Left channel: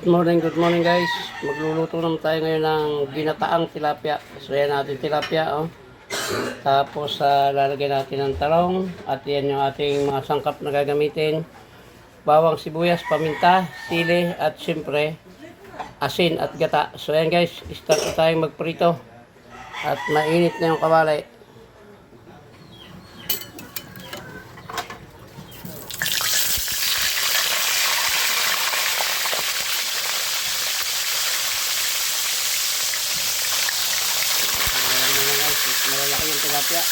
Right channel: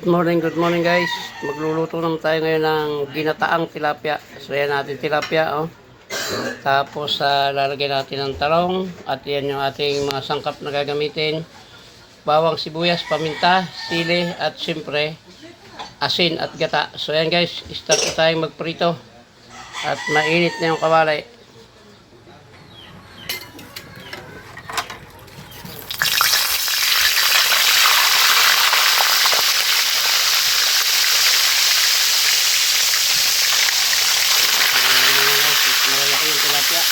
Good morning guys. Magluluto naman tayo ngayon ng ginataang tilapia. So yan natin tilapia oh. Tapos lalagay natin ng talong at yan yung ating mga sangkap na gagamitin. Bawang, sibuyas, paminta, sili at siyempre asin at gata. So yan guys, start na tayong magprito. At mainit na yung kawali. Malalaki yung tilapia.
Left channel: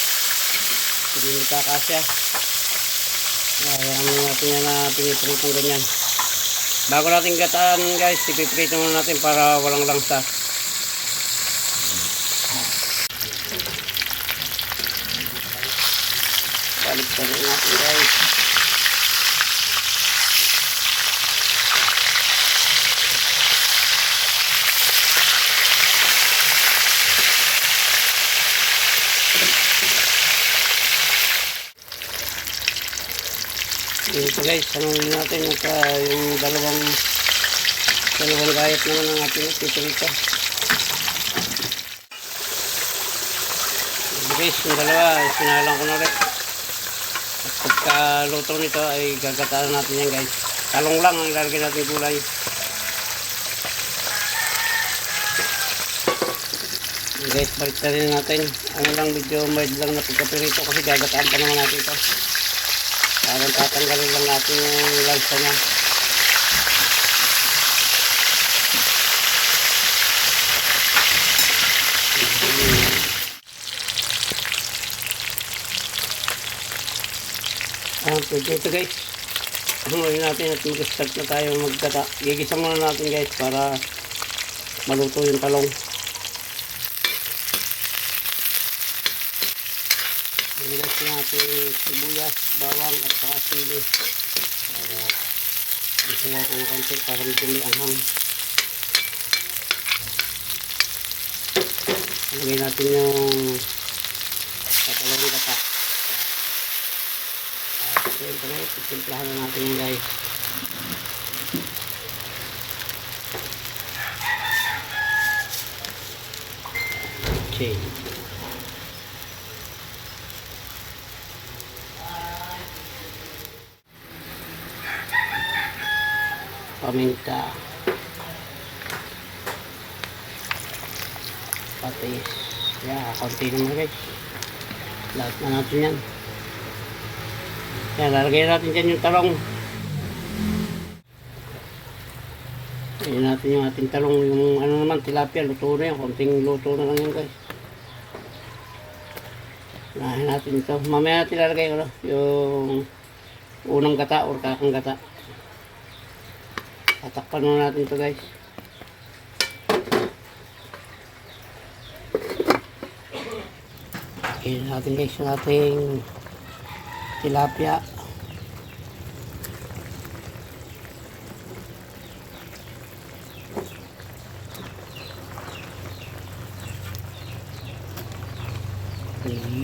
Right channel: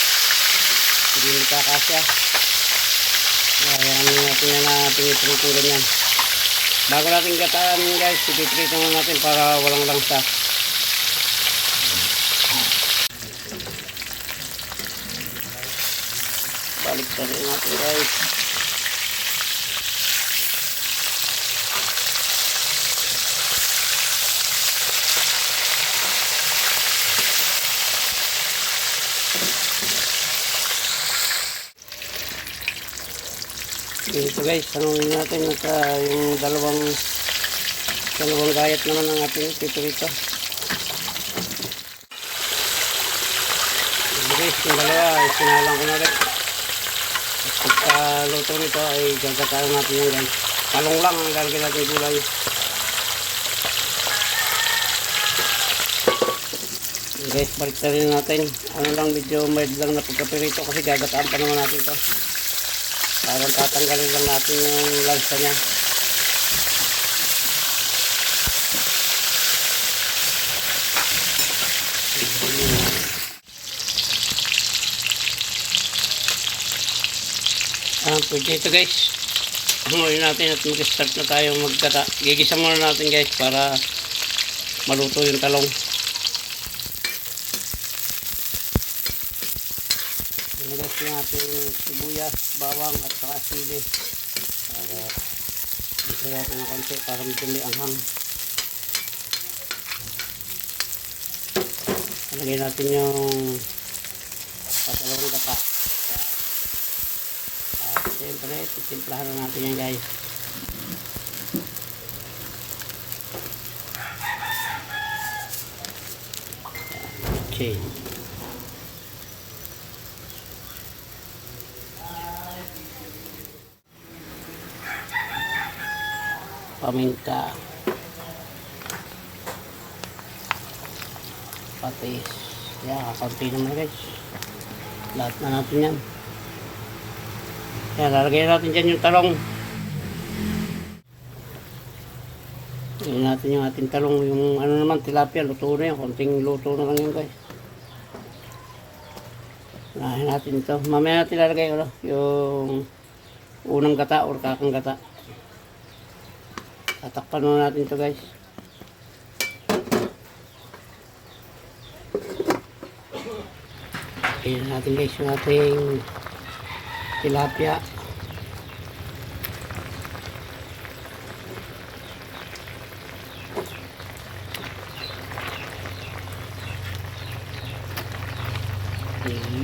Hindi magkakasya. Ayan natin yan na pinipritong ganyan. Bago natin gataan guys, ipipritong na natin para walang langsa. Balik natin guys. Dito guys, tanongin natin yung dalawang gayat naman ng ating pipirito. Guys, yung dalawa, sinalang ko na ulit. At pagkaluto nito ay gagataan natin yan guys. Talong lang ang ilalagay natin gulay. Guys, balik na rin natin. Ano lang, medyo mild lang na pagkapirito kasi gagataan pa naman natin ito. Parang tatanggalin lang natin yung lansa niya. Pwede ito guys. Hanguin natin at mag-start na tayo magkata. Gigisa muna natin guys para maluto yung talong. Ilagay natin sibuyas, bawang at saka sili para isa natin ng konti para medyo anghang. Ilagay natin yung katalong gata at siyempre titimplahan na natin yan guys. Okay, paminta, patis, konti naman guys, lahat na natin yan. Lalagay natin dyan yung talong. Lagyan natin yung ating talong, yung ano naman tilapia, luto na yan, konting luto na lang yan guys. Lahin natin ito, mamaya natin lalagay yung unang gata or kakang gata. Tatakpan na natin ito guys. Kaya natin guys yung ating tilapia.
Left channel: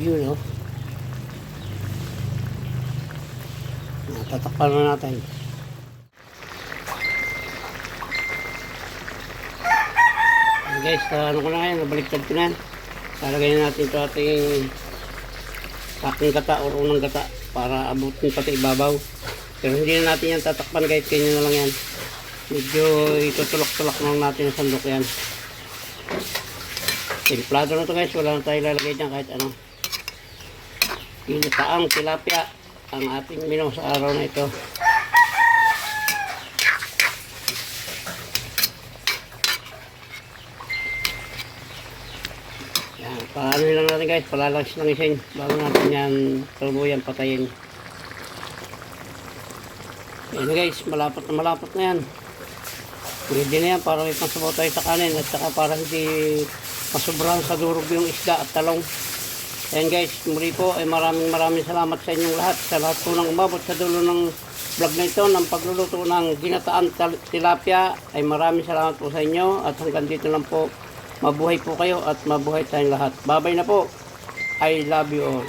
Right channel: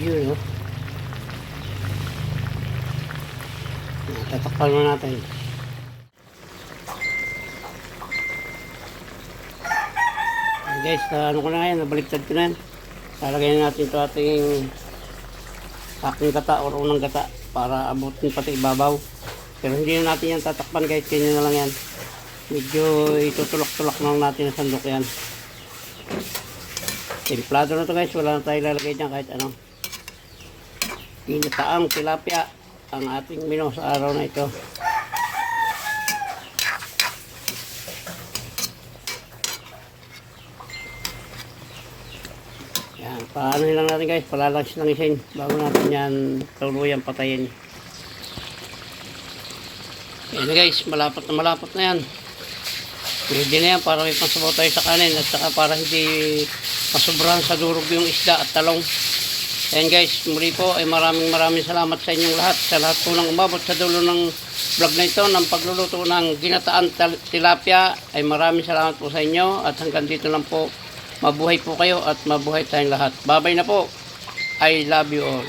Yun tatakpan na natin. Guys, ano ko na yan, nabaliktad ko na yan. Lalagay na natin ito ating aking gata or unang gata para abutin pati ibabaw. Pero hindi na natin yan tatakpan guys, kanya na lang yan. Medyo itutulak-tulak na natin sa sandok yan. Templado na ito guys, wala na tayo lalagay dyan kahit ano. Ginataang tilapia ang ating menu sa araw na ito. Paano lang natin guys, palalagis ng isin bago natin yan tuluyan patayin. Yan guys, malapot na yan. Pwede na yan para may pansabaw tayo sa kanin at saka para hindi masubrahan sa durog yung isda at talong. Yan guys, muli po ay maraming salamat sa inyong lahat. Sa lahat po ng umabot sa dulo ng vlog na ito ng pagluluto ng ginataan tilapia ay maraming salamat po sa inyo at hanggang dito lang po. Mabuhay po kayo at mabuhay tayong lahat. Bye-bye na po. I love you all.